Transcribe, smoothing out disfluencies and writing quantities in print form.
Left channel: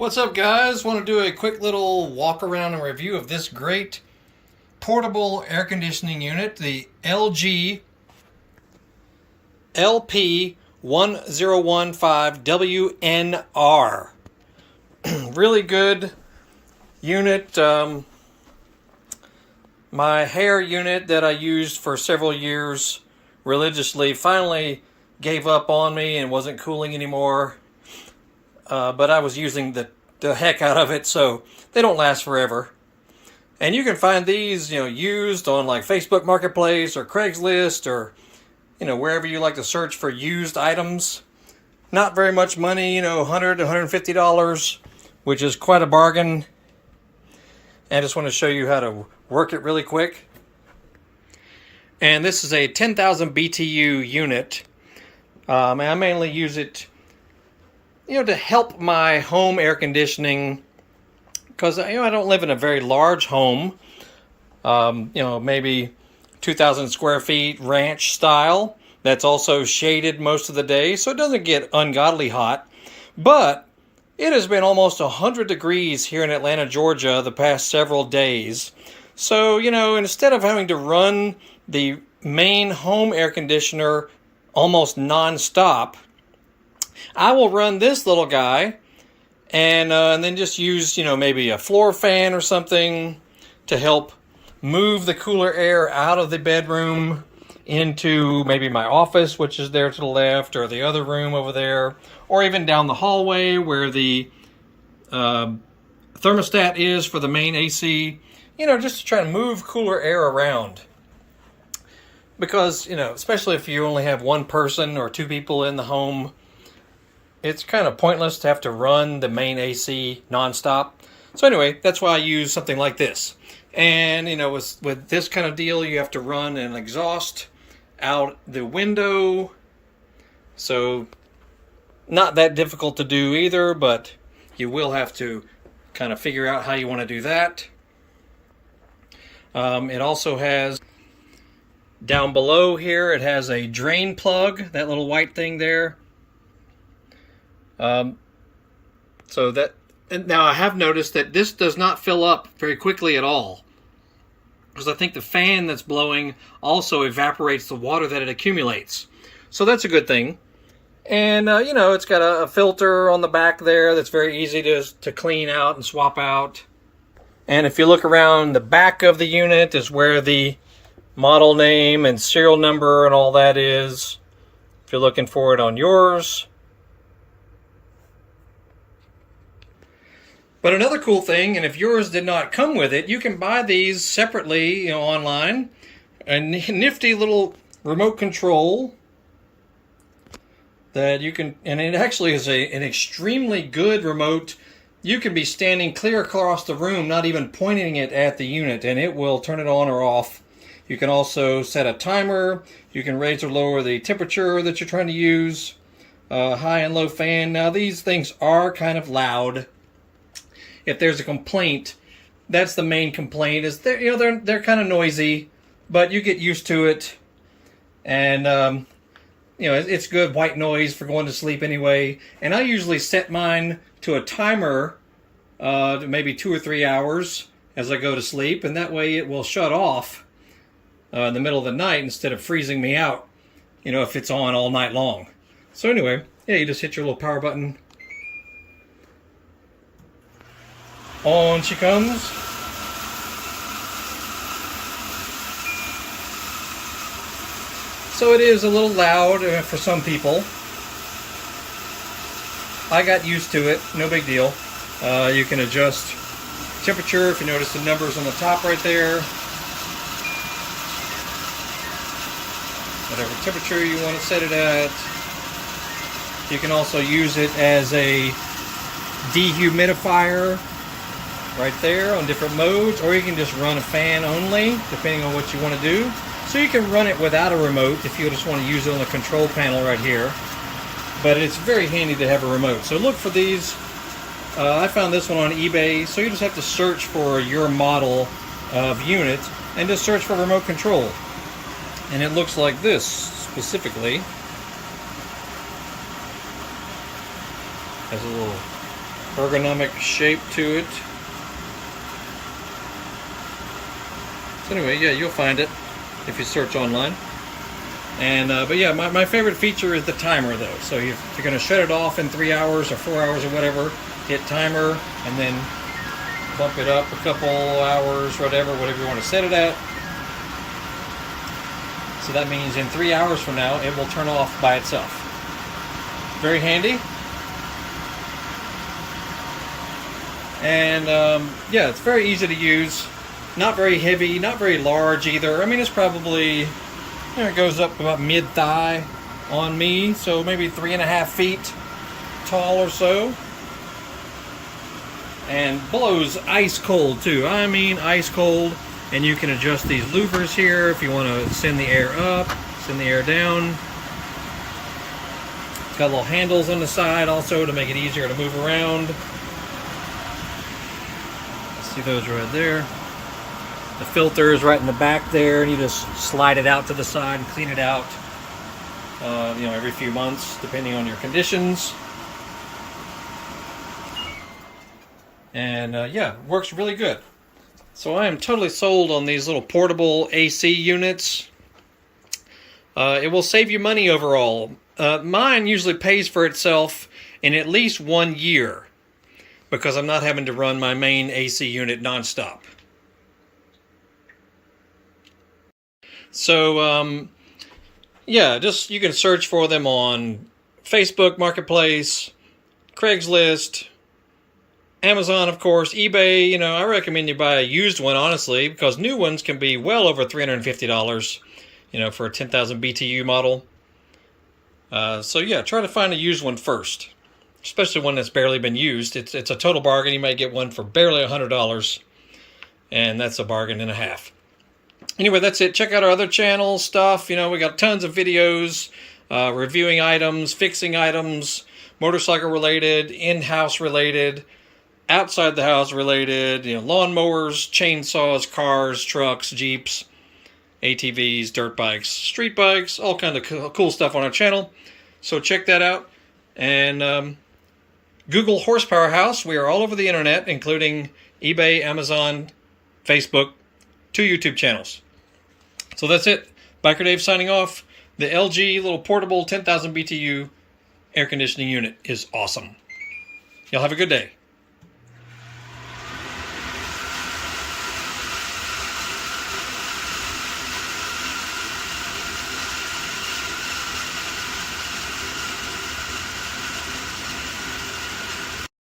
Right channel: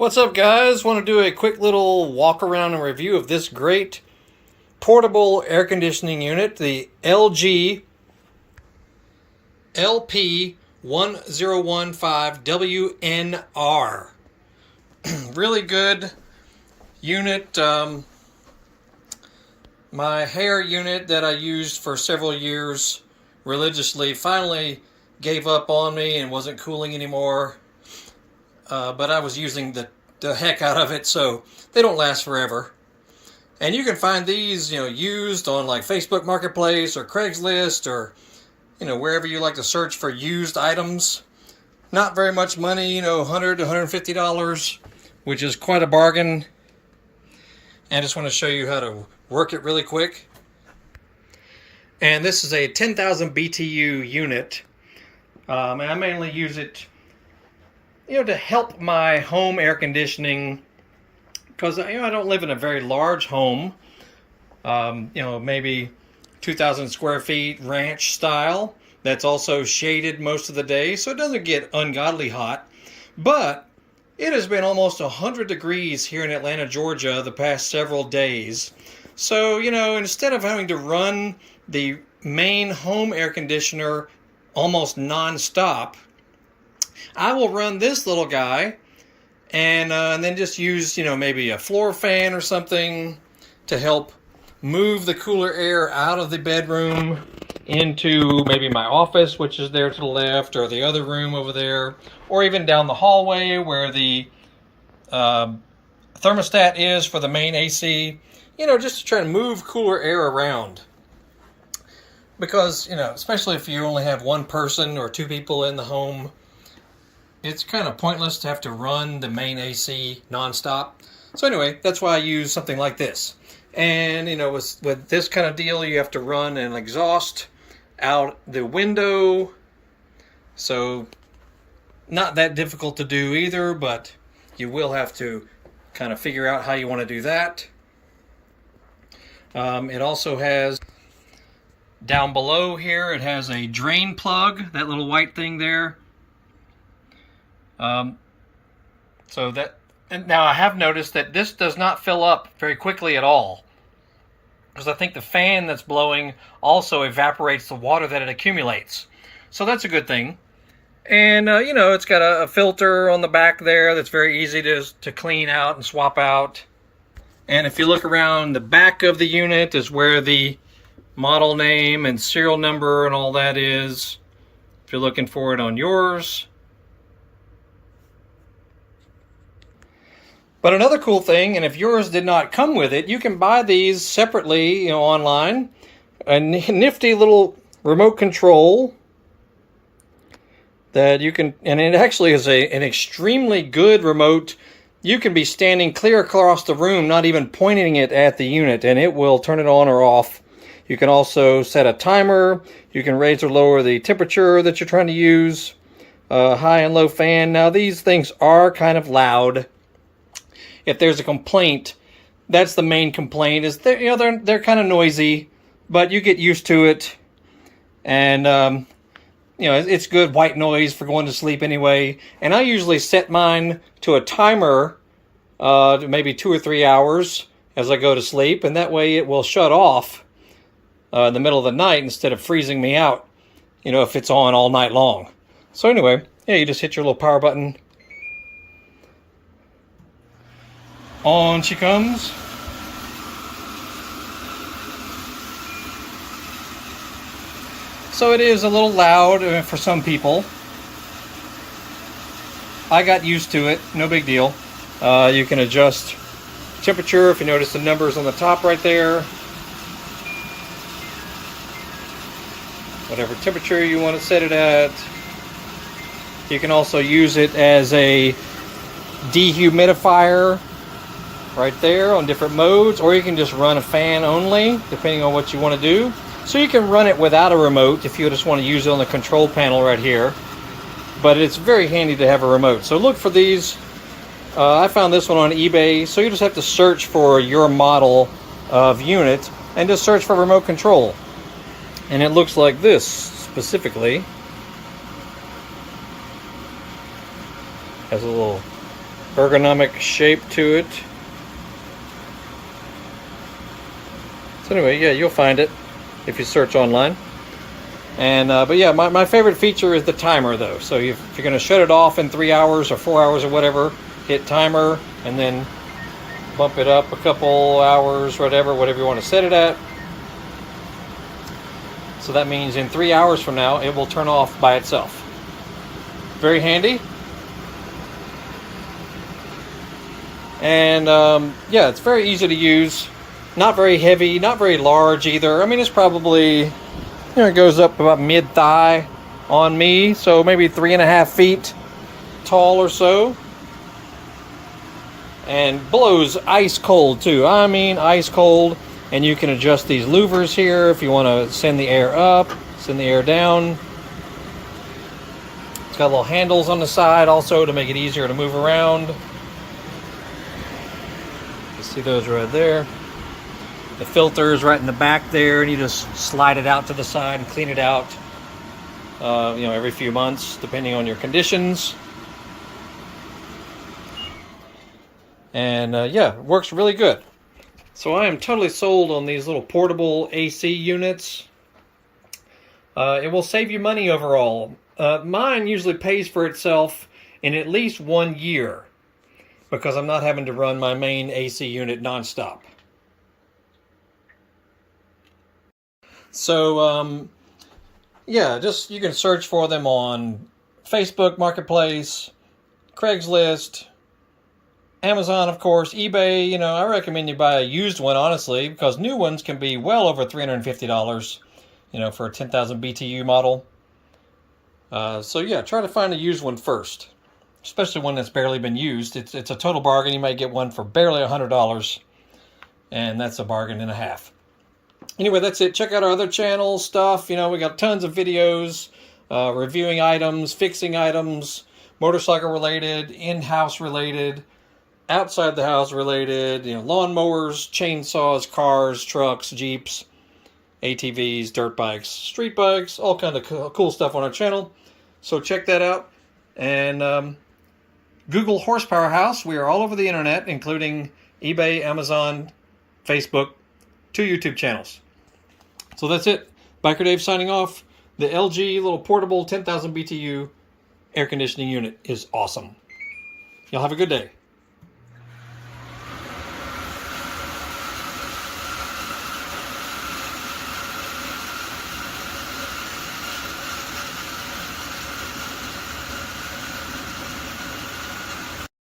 What's up, guys? Want to do a quick little walk around and review of this great portable air conditioning unit, the LG LP1015WNR. Really good unit. My hair unit that I used for several years religiously finally gave up on me and wasn't cooling anymore. But I was using the heck out of it, so they don't last forever. And you can find these, used on like Facebook Marketplace or Craigslist or, wherever you like to search for used items. Not very much money, $100 to $150, which is quite a bargain. And I just want to show you how to work it really quick. And this is a 10,000 BTU unit. And I mainly use it to help my home air conditioning, because I don't live in a very large home, maybe 2,000 square feet ranch style. That's also shaded most of the day, so it doesn't get ungodly hot. But it has been almost 100 degrees here in Atlanta, Georgia the past several days. So, instead of having to run the main home air conditioner almost non-stop, I will run this little guy and then just use, maybe a floor fan or something to help move the cooler air out of the bedroom into maybe my office, which is there to the left, or the other room over there, or even down the hallway where the thermostat is for the main AC, just to try to move cooler air around. Because, especially if you only have one person or two people in the home, it's kind of pointless to have to run the main AC nonstop. So anyway, that's why I use something like this. And, with this kind of deal, you have to run an exhaust out the window. So not that difficult to do either, but you will have to kind of figure out how you want to do that. It also has, down below here, it has a drain plug, that little white thing there. So that, now I have noticed that this does not fill up very quickly at all, because I think the fan that's blowing also evaporates the water that it accumulates. So that's a good thing. And, it's got a filter on the back there that's very easy to clean out and swap out. And if you look around the back of the unit is where the model name and serial number and all that is, if you're looking for it on yours. But another cool thing, and if yours did not come with it, you can buy these separately, online. A nifty little remote control that you can, and it actually is an extremely good remote. You can be standing clear across the room, not even pointing it at the unit, and it will turn it on or off. You can also set a timer. You can raise or lower the temperature that you're trying to use. High and low fan. Now these things are kind of loud. If there's a complaint, that's the main complaint, is they're kind of noisy, but you get used to it. And it's good white noise for going to sleep anyway. And I usually set mine to a timer, maybe 2 or 3 hours as I go to sleep, and that way it will shut off in the middle of the night instead of freezing me out, if it's on all night long. So anyway, you just hit your little power button. On she comes. So it is a little loud for some people. I got used to it, no big deal. You can adjust temperature if you notice the numbers on the top right there. Whatever temperature you want to set it at. You can also use it as a dehumidifier right there on different modes, or you can just run a fan only, depending on what you want to do. So you can run it without a remote if you just want to use it on the control panel right here. But it's very handy to have a remote. So look for these. I found this one on eBay, so you just have to search for your model of unit and just search for remote control. And it looks like this specifically. Has a little ergonomic shape to it. So anyway, yeah, you'll find it if you search online. And but yeah, my favorite feature is the timer though. So if you're going to shut it off in 3 hours or 4 hours or whatever, hit timer and then bump it up a couple hours, whatever you want to set it at. So that means in 3 hours from now, it will turn off by itself. Very handy. And yeah, it's very easy to use. Not very heavy, not very large either. I mean, it's probably, it goes up about mid-thigh on me, so maybe 3.5 feet tall or so. And blows ice cold too. I mean, ice cold. And you can adjust these louvers here if you want to send the air up, send the air down. It's got little handles on the side also to make it easier to move around. You see those right there. The filter is right in the back there, and you just slide it out to the side and clean it out, every few months, depending on your conditions. And yeah, it works really good. So I am totally sold on these little portable AC units. It will save you money overall. Mine usually pays for itself in at least 1 year because I'm not having to run my main AC unit nonstop. So, yeah, you can search for them on Facebook Marketplace, Craigslist, Amazon, of course, eBay. I recommend you buy a used one, honestly, because new ones can be well over $350, for a 10,000 BTU model. So yeah, try to find a used one first, especially one that's barely been used. It's a total bargain. You might get one for barely $100, and that's a bargain and a half. Anyway, that's it. Check out our other channel stuff. We got tons of videos, reviewing items, fixing items, motorcycle related, in-house related, outside the house related, lawnmowers, chainsaws, cars, trucks, Jeeps, ATVs, dirt bikes, street bikes, all kind of cool stuff on our channel. So check that out. And Google Horsepower House. We are all over the internet, including eBay, Amazon, Facebook, 2 YouTube channels. So that's it. Biker Dave signing off. The LG little portable 10,000 BTU air conditioning unit is awesome. Y'all have a good day.